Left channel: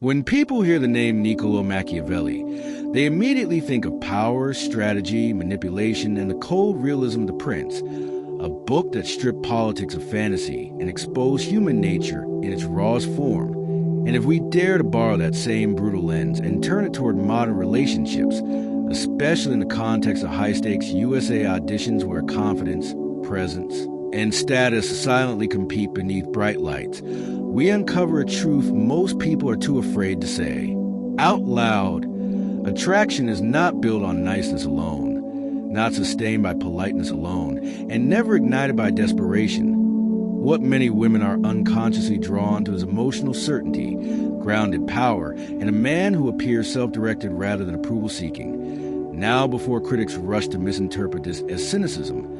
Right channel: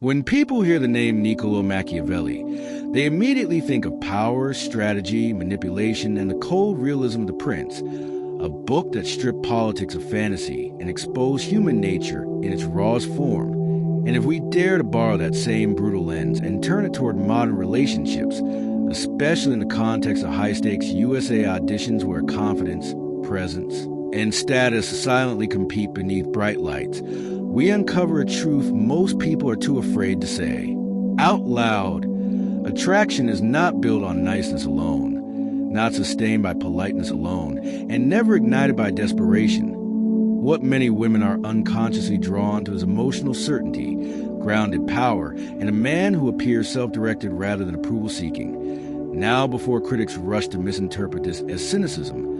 When people hear the name Niccolò Machiavelli, they immediately think of power, strategy, manipulation, and the cold realism of The Prince, a book that stripped politics of fantasy and exposed human nature in its rawest form. And if we dare to borrow that same brutal lens and turn it toward modern relationships, especially in the context of high-stakes USA auditions where confidence, presence, and status silently compete beneath bright lights, we uncover a truth most people are too afraid to say. Out loud, attraction is not built on niceness alone, not sustained by politeness alone, and never ignited by desperation. What many women are unconsciously drawn to is emotional certainty, grounded power, and a man who appears self-directed rather than approval-seeking. Now, before critics rush to misinterpret this as cynicism,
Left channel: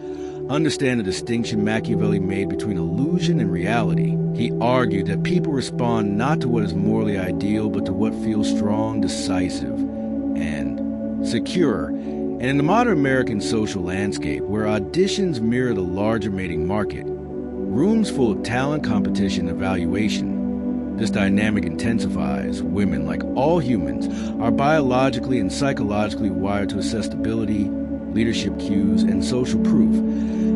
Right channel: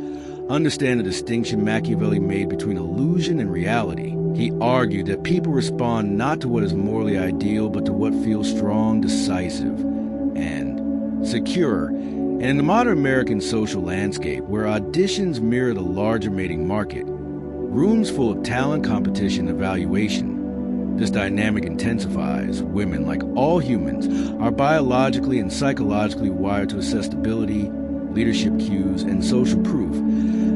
understand the distinction Machiavelli made between illusion and reality. He argued that people respond not to what is morally ideal, but to what feels strong, decisive, and secure. And in the modern American social landscape, where auditions mirror the larger mating market, rooms full of talent, competition, and evaluation, this dynamic intensifies. Women, like all humans, are biologically and psychologically wired to assess stability, leadership cues, and social proof,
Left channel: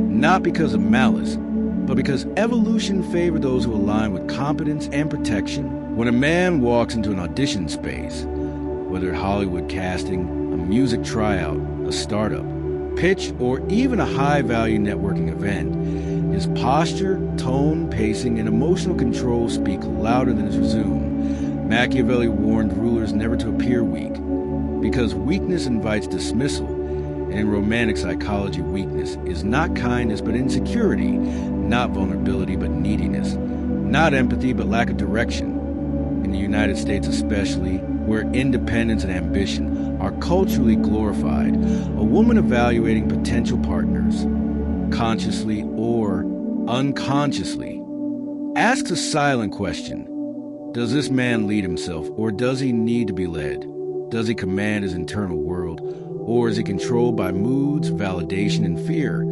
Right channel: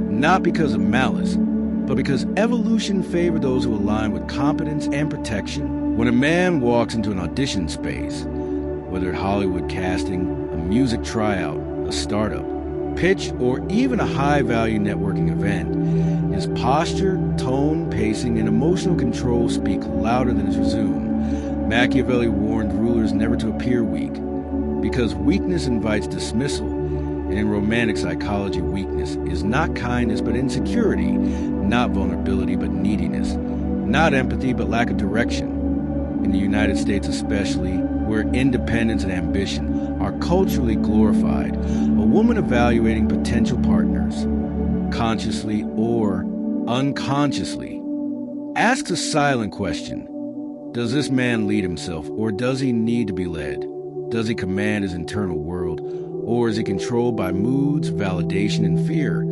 not because of malice, but because evolution favored those who align with competence and protection. When a man walks into an audition space, whether Hollywood casting, a music tryout, a startup, pitch, or even a high-value networking event, his posture, tone, pacing, and emotional control speak louder than his resume. Machiavelli warned rulers never to appear weak, because weakness invites dismissal. And in romantic psychology, weakness is not kindness but insecurity, not vulnerability but neediness, not empathy but lack of direction. In the United States especially, where independence and ambition are culturally glorified, a woman evaluating potential partners, consciously or unconsciously, asks a silent question. Does this man lead himself, or does he need to be led? Does he command his internal world, or is he controlled by moods, validation, and fear?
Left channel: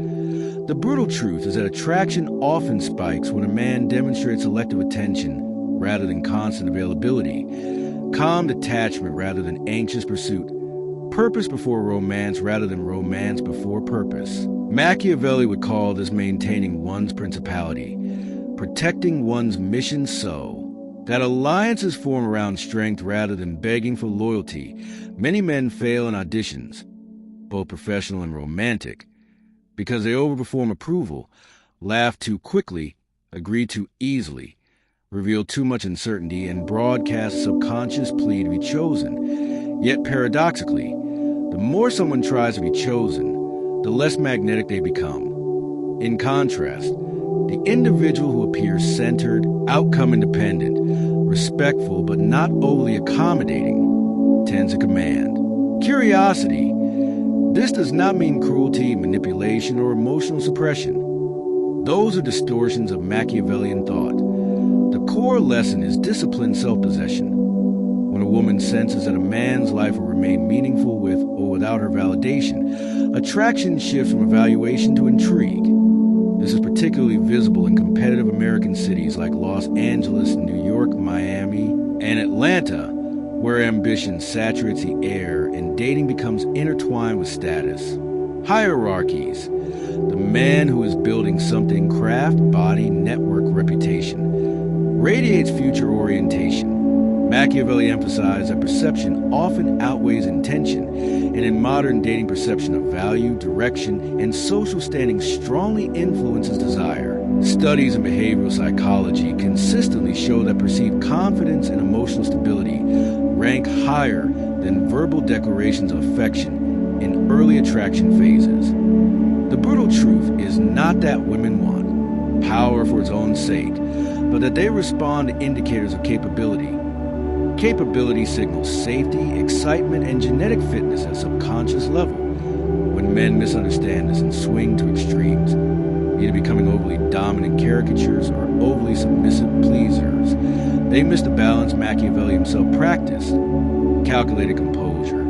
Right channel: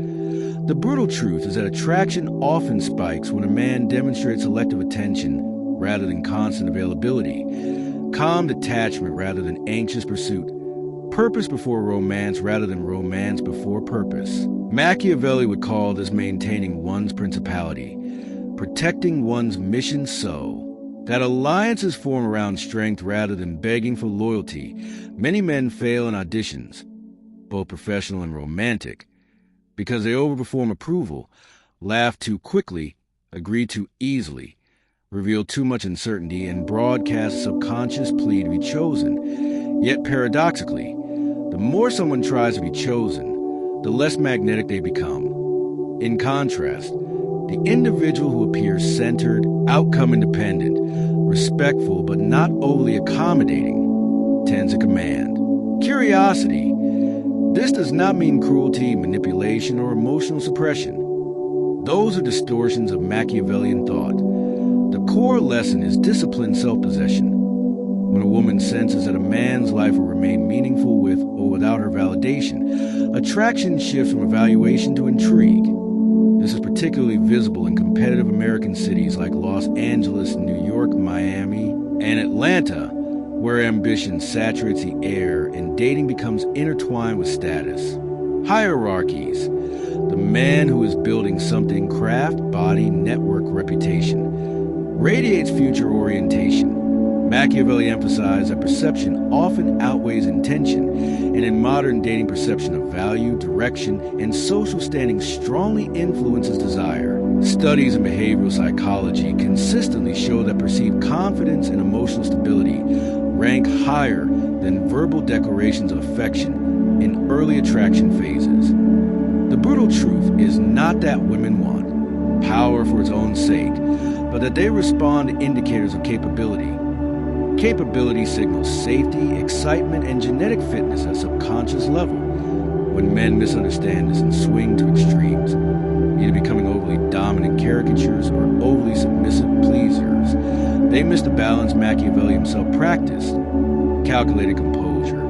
The brutal truth is that attraction often spikes when a man demonstrates selective attention rather than constant availability, calm detachment rather than anxious pursuit, purpose before romance rather than romance before purpose. Machiavelli would call this maintaining one's principality, protecting one's mission so that alliances form around strength rather than begging for loyalty. Many men fail in auditions, both professional and romantic, because they overperform approval, laugh too quickly, agree too easily, reveal too much uncertainty, and broadcast a subconscious plea to be chosen. Yet paradoxically, the more someone tries to be chosen, the less magnetic they become. In contrast, the individual who appears centered, outcome-independent, respectful but not overly accommodating, tends to command. Curiosity. This does not mean cruelty, manipulation, or emotional suppression. Those are distortions of Machiavellian thought. The core lesson is disciplined self-possession. When a woman senses that a man's life will remain meaningful with or without her validation, attraction shifts from evaluation to intrigue. This is particularly visible in competitive American cities like Los Angeles, New York, Miami, and Atlanta, where ambition saturates the air and dating becomes intertwined with status. Hierarchies. The man who is building something, craft, body, network, reputation, radiates future orientation. Machiavelli emphasized that perception often outweighs intention, and in modern dating, perception of value, direction, and social standing strongly influences desire. Studies in behavioral psychology consistently show that perceived confidence and emotional stability rank higher than verbal declarations of affection in early attraction phases. The brutal truth is not that women want power for its own sake, but that they respond to indicators of capability. Capability signals safety, excitement, and genetic fitness at subconscious level. When men misunderstand this and swing to extremes, either becoming overly dominant caricatures or overly submissive pleasers, they miss the balance Machiavelli himself practiced: calculated composure.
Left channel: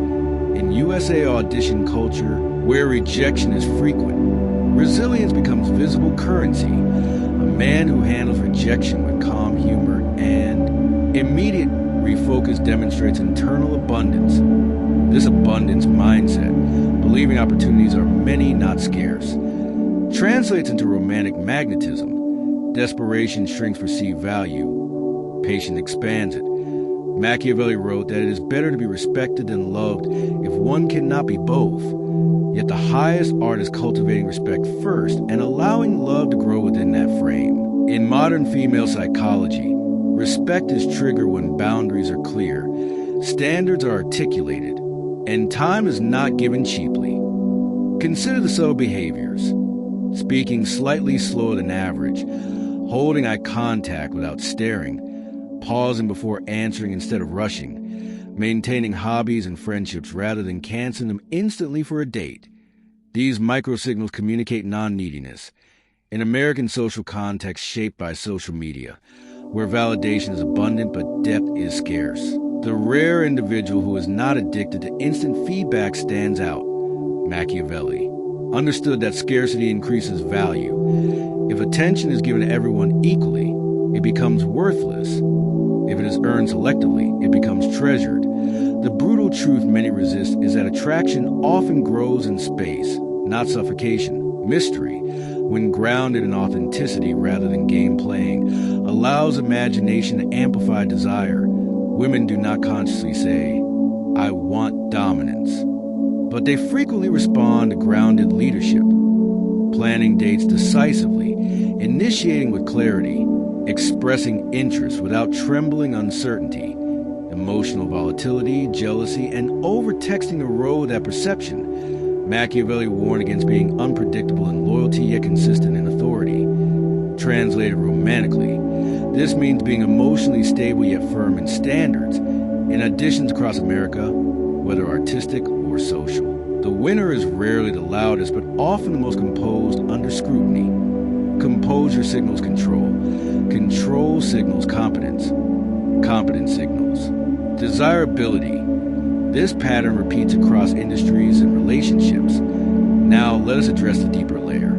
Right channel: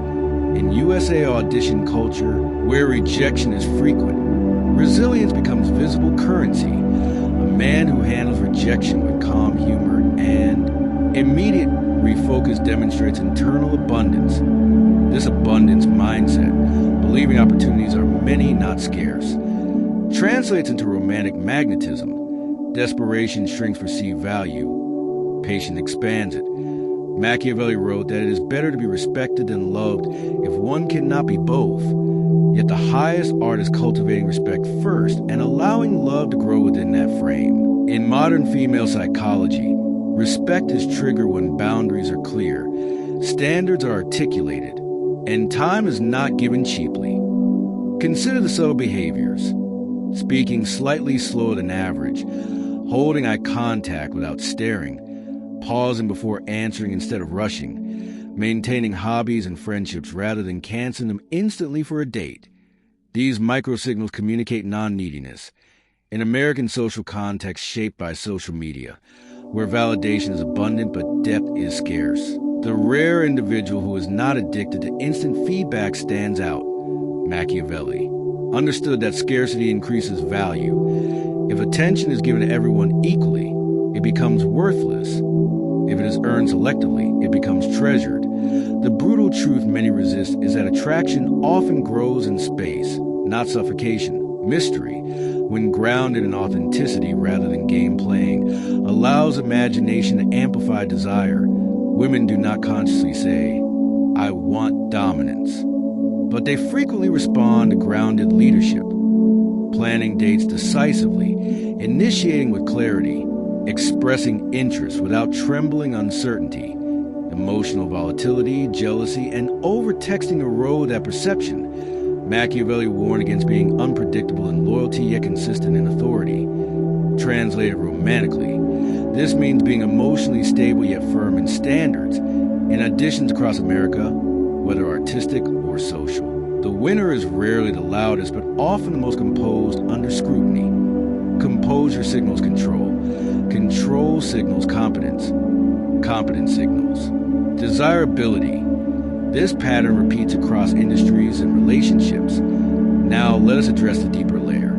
In USA audition culture, where rejection is frequent, resilience becomes visible currency. A man who handles rejection with calm humor and immediate Refocus demonstrates internal abundance. This abundance mindset, believing opportunities are many, not scarce, translates into romantic magnetism. Desperation shrinks perceived value. Patience expands it. Machiavelli wrote that it is better to be respected than loved if one cannot be both. Yet the highest art is cultivating respect first and allowing love to grow within that frame. In modern female psychology, respect is triggered when boundaries are clear, standards are articulated, and time is not given cheaply. Consider the subtle behaviors. Speaking slightly slower than average, holding eye contact without staring, pausing before answering instead of rushing, maintaining hobbies and friendships rather than canceling them instantly for a date. These microsignals communicate non-neediness. In American social context shaped by social media, where validation is abundant but depth is scarce, the rare individual who is not addicted to instant feedback stands out. Machiavelli understood that scarcity increases value. If attention is given to everyone equally, it becomes worthless. If it is earned selectively, it becomes treasured. The brutal truth many resist is that attraction often grows in space, not suffocation. Mystery, when grounded in authenticity rather than game playing, allows imagination to amplify desire. Women do not consciously say, "I want dominance," but they frequently respond to grounded leadership, planning dates decisively, initiating with clarity, expressing interest without trembling uncertainty. Emotional volatility, jealousy, and over-texting erode that perception. Machiavelli warned against being unpredictable in loyalty yet consistent in authority. Translated romantically, this means being emotionally stable yet firm in standards, in additions across America, whether artistic or social. The winner is rarely the loudest, but often the most composed under scrutiny. Composure signals control. Control signals competence. Competence signals desirability. This pattern repeats across industries and relationships. Now let us address the deeper layer.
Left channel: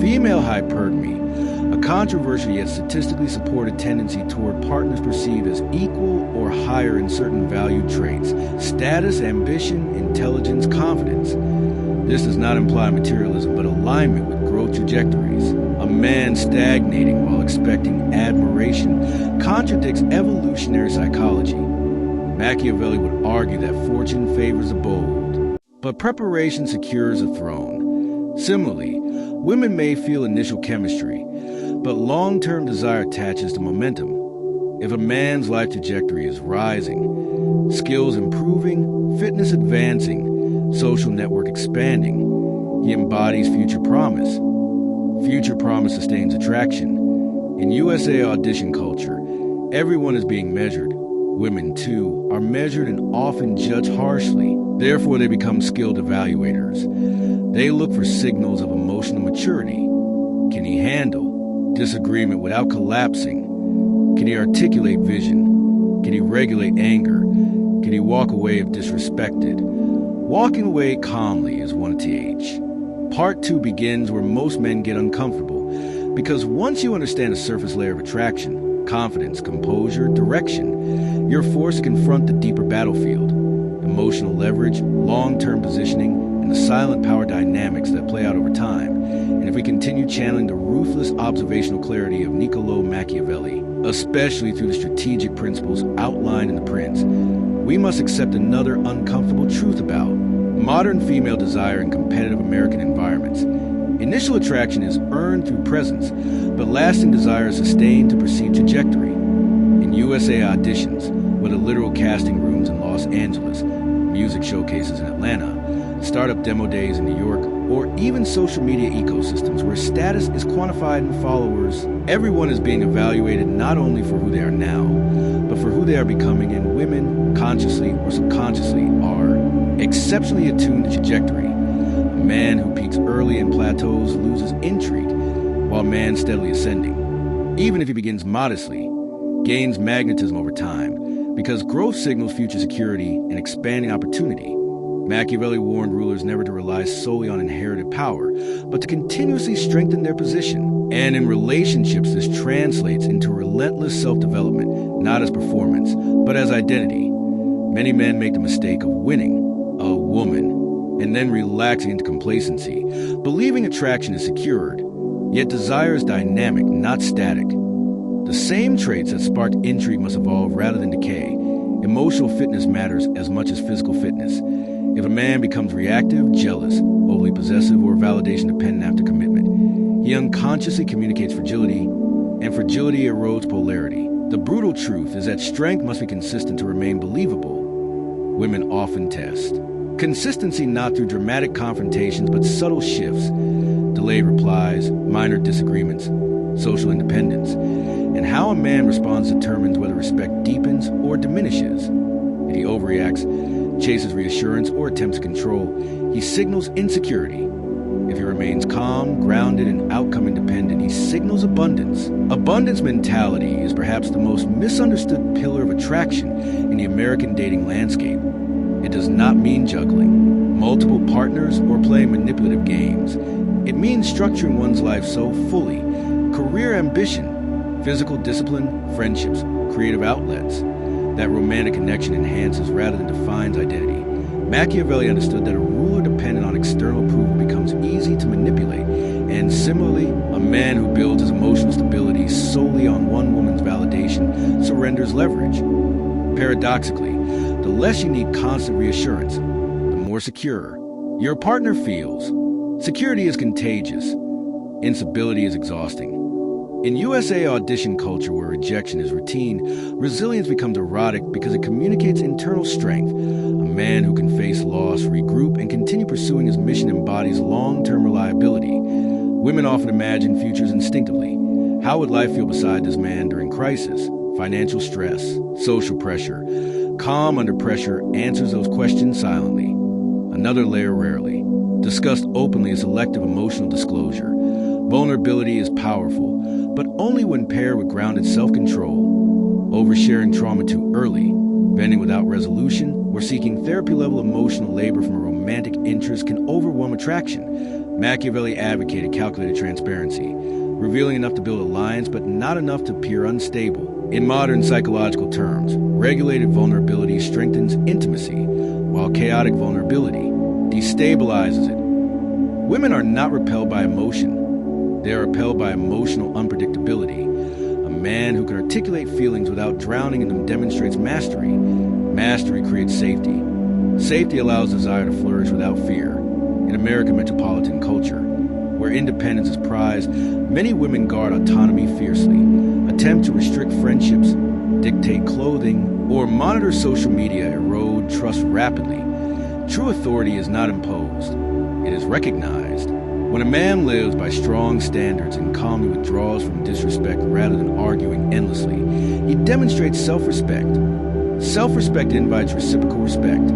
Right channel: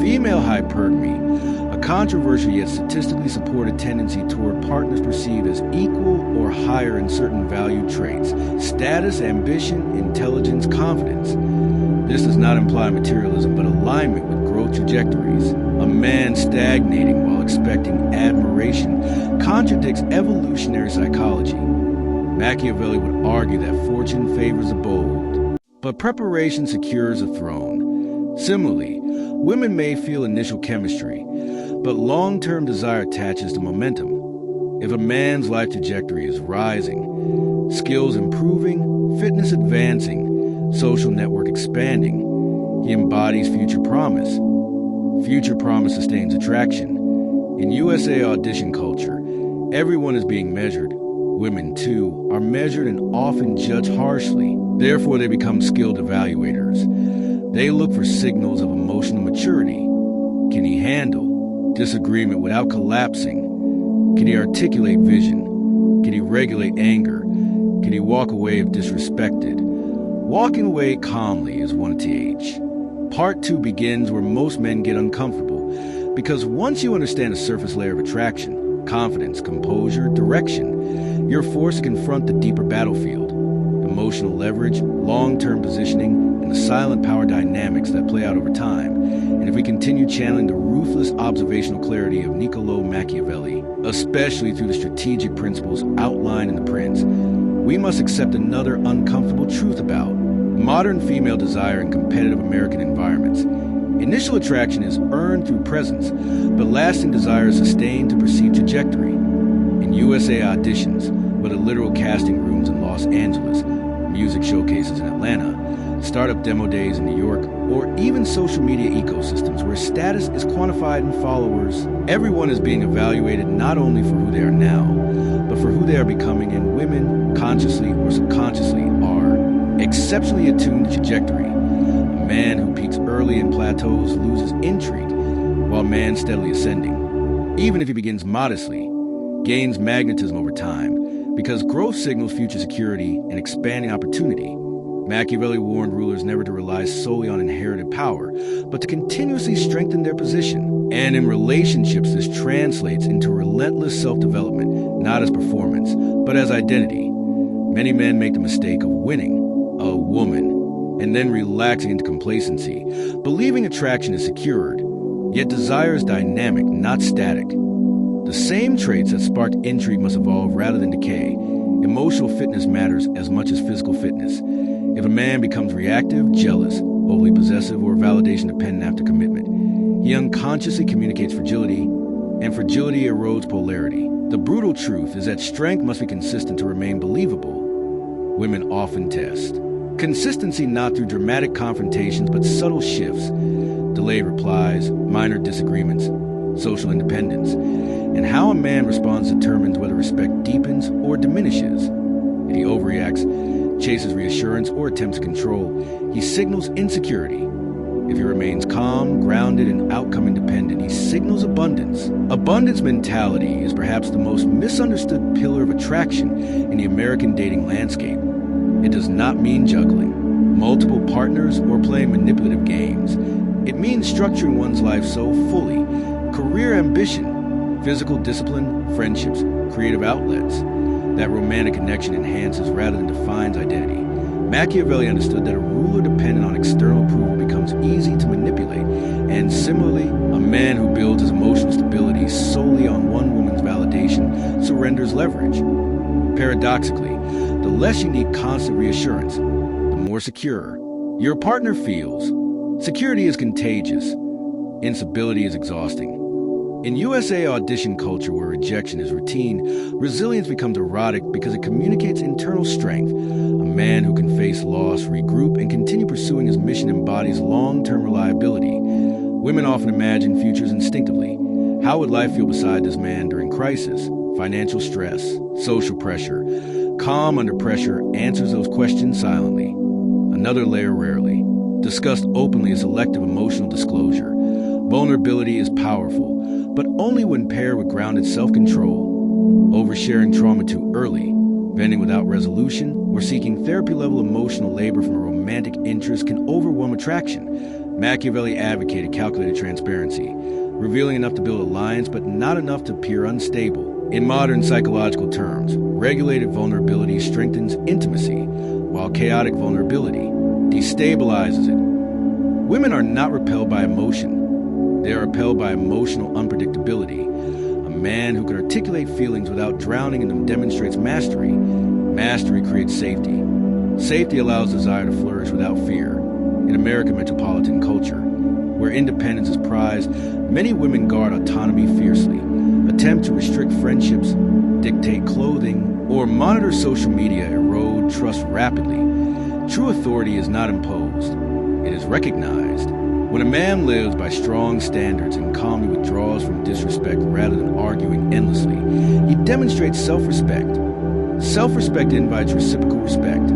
Female hypergamy, a controversial yet statistically supported tendency toward partners perceived as equal or higher in certain valued traits: status, ambition, intelligence, confidence. This does not imply materialism, but alignment with growth trajectories. A man stagnating while expecting admiration contradicts evolutionary psychology. Machiavelli would argue that fortune favors the bold, but preparation secures a throne. Similarly, women may feel initial chemistry, but long-term desire attaches to momentum. If a man's life trajectory is rising, skills improving, fitness advancing, social network expanding, he embodies future promise. Future promise sustains attraction. In USA audition culture, everyone is being measured. Women, too, are measured and often judged harshly. Therefore, they become skilled evaluators. They look for signals of emotional maturity. Can he handle disagreement without collapsing? Can he articulate vision? Can he regulate anger? Can he walk away if disrespected? Walking away calmly is one TH. Part 2 begins where most men get uncomfortable, because once you understand the surface layer of attraction, confidence, composure, direction, you're forced to confront the deeper battlefield, emotional leverage, long-term positioning, and the silent power dynamics that play out over time. And if we continue channeling the ruthless observational clarity of Niccolò Machiavelli, especially through the strategic principles outlined in The Prince, we must accept another uncomfortable truth about modern female desire in competitive American environments. Initial attraction is earned through presence, but lasting desire is sustained through perceived trajectory. In USA auditions, whether literal casting rooms in Los Angeles, music showcases in Atlanta, startup demo days in New York, or even social media ecosystems where status is quantified in followers, everyone is being evaluated not only for who they are now, but for who they are becoming, and women, consciously or subconsciously, are exceptionally attuned to trajectory. A man who peaks early and plateaus loses intrigue, while a man steadily ascending, even if he begins modestly, gains magnetism over time, because growth signals future security and expanding opportunity. Machiavelli warned rulers never to rely solely on inherited power, but to continuously strengthen their position. And in relationships, this translates into relentless self-development, not as performance, but as identity. Many men make the mistake of winning a woman and then relaxing into complacency, believing attraction is secured. Yet desire is dynamic, not static. The same traits that sparked intrigue must evolve rather than decay. Emotional fitness matters as much as physical fitness. If a man becomes reactive, jealous, overly possessive, or validation dependent after commitment, he unconsciously communicates fragility, and fragility erodes polarity. The brutal truth is that strength must be consistent to remain believable. Women often test consistency not through dramatic confrontations but subtle shifts, delayed replies, minor disagreements, social independence, and how a man responds determines whether respect deepens or diminishes. If he overreacts, chases reassurance, or attempts control, he signals insecurity. If he remains calm, grounded, and outcome independent, he signals abundance. Abundance mentality is perhaps the most misunderstood pillar of attraction in the American dating landscape. It does not mean juggling multiple partners or playing manipulative games. It means structuring one's life so fully: career ambition, physical discipline, friendships, creative outlets, that romantic connection enhances rather than defines identity. Machiavelli understood that a ruler dependent on external approval becomes easy to manipulate, and similarly, a man who builds his emotional stability solely on one woman's validation surrenders leverage. Paradoxically, the less you need constant reassurance, the more secure your partner feels. Security is contagious. Instability is exhausting. In USA audition culture where rejection is routine, resilience becomes erotic because it communicates internal strength. A man who can face loss, regroup, and continue pursuing his mission embodies long-term reliability. Women often imagine futures instinctively. How would life feel beside this man during crisis? Financial stress, social pressure. Calm under pressure answers those questions silently. Another layer rarely discussed openly is selective emotional disclosure. Vulnerability is powerful, but only when paired with grounded self-control. Oversharing trauma too early, venting without resolution, or seeking therapy-level emotional labor from a romantic interest can overwhelm attraction. Machiavelli advocated calculated transparency, revealing enough to build alliance but not enough to appear unstable. In modern psychological terms, regulated vulnerability strengthens intimacy, while chaotic vulnerability destabilizes it. Women are not repelled by emotion. They are repelled by emotional unpredictability. A man who can articulate feelings without drowning in them demonstrates mastery. Mastery creates safety. Safety allows desire to flourish without fear. In American metropolitan culture, where independence is prized, many women guard autonomy fiercely, attempt to restrict friendships, dictate clothing, or monitor social media erode trust rapidly. True authority is not imposed. It is recognized. When a man lives by strong standards and calmly withdraws from disrespect rather than arguing endlessly, he demonstrates self-respect. Self-respect invites reciprocal respect.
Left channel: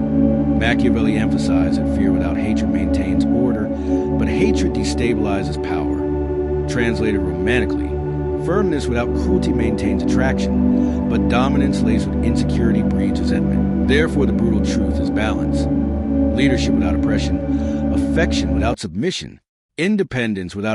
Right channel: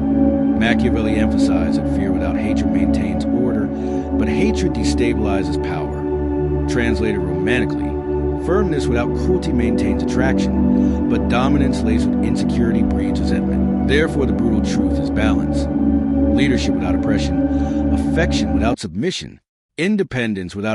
Machiavelli emphasized that fear without hatred maintains order, but hatred destabilizes power. Translated romantically, firmness without cruelty maintains attraction, but dominance laced with insecurity breeds resentment. Therefore, the brutal truth is balance. Leadership without oppression, affection without submission, independence without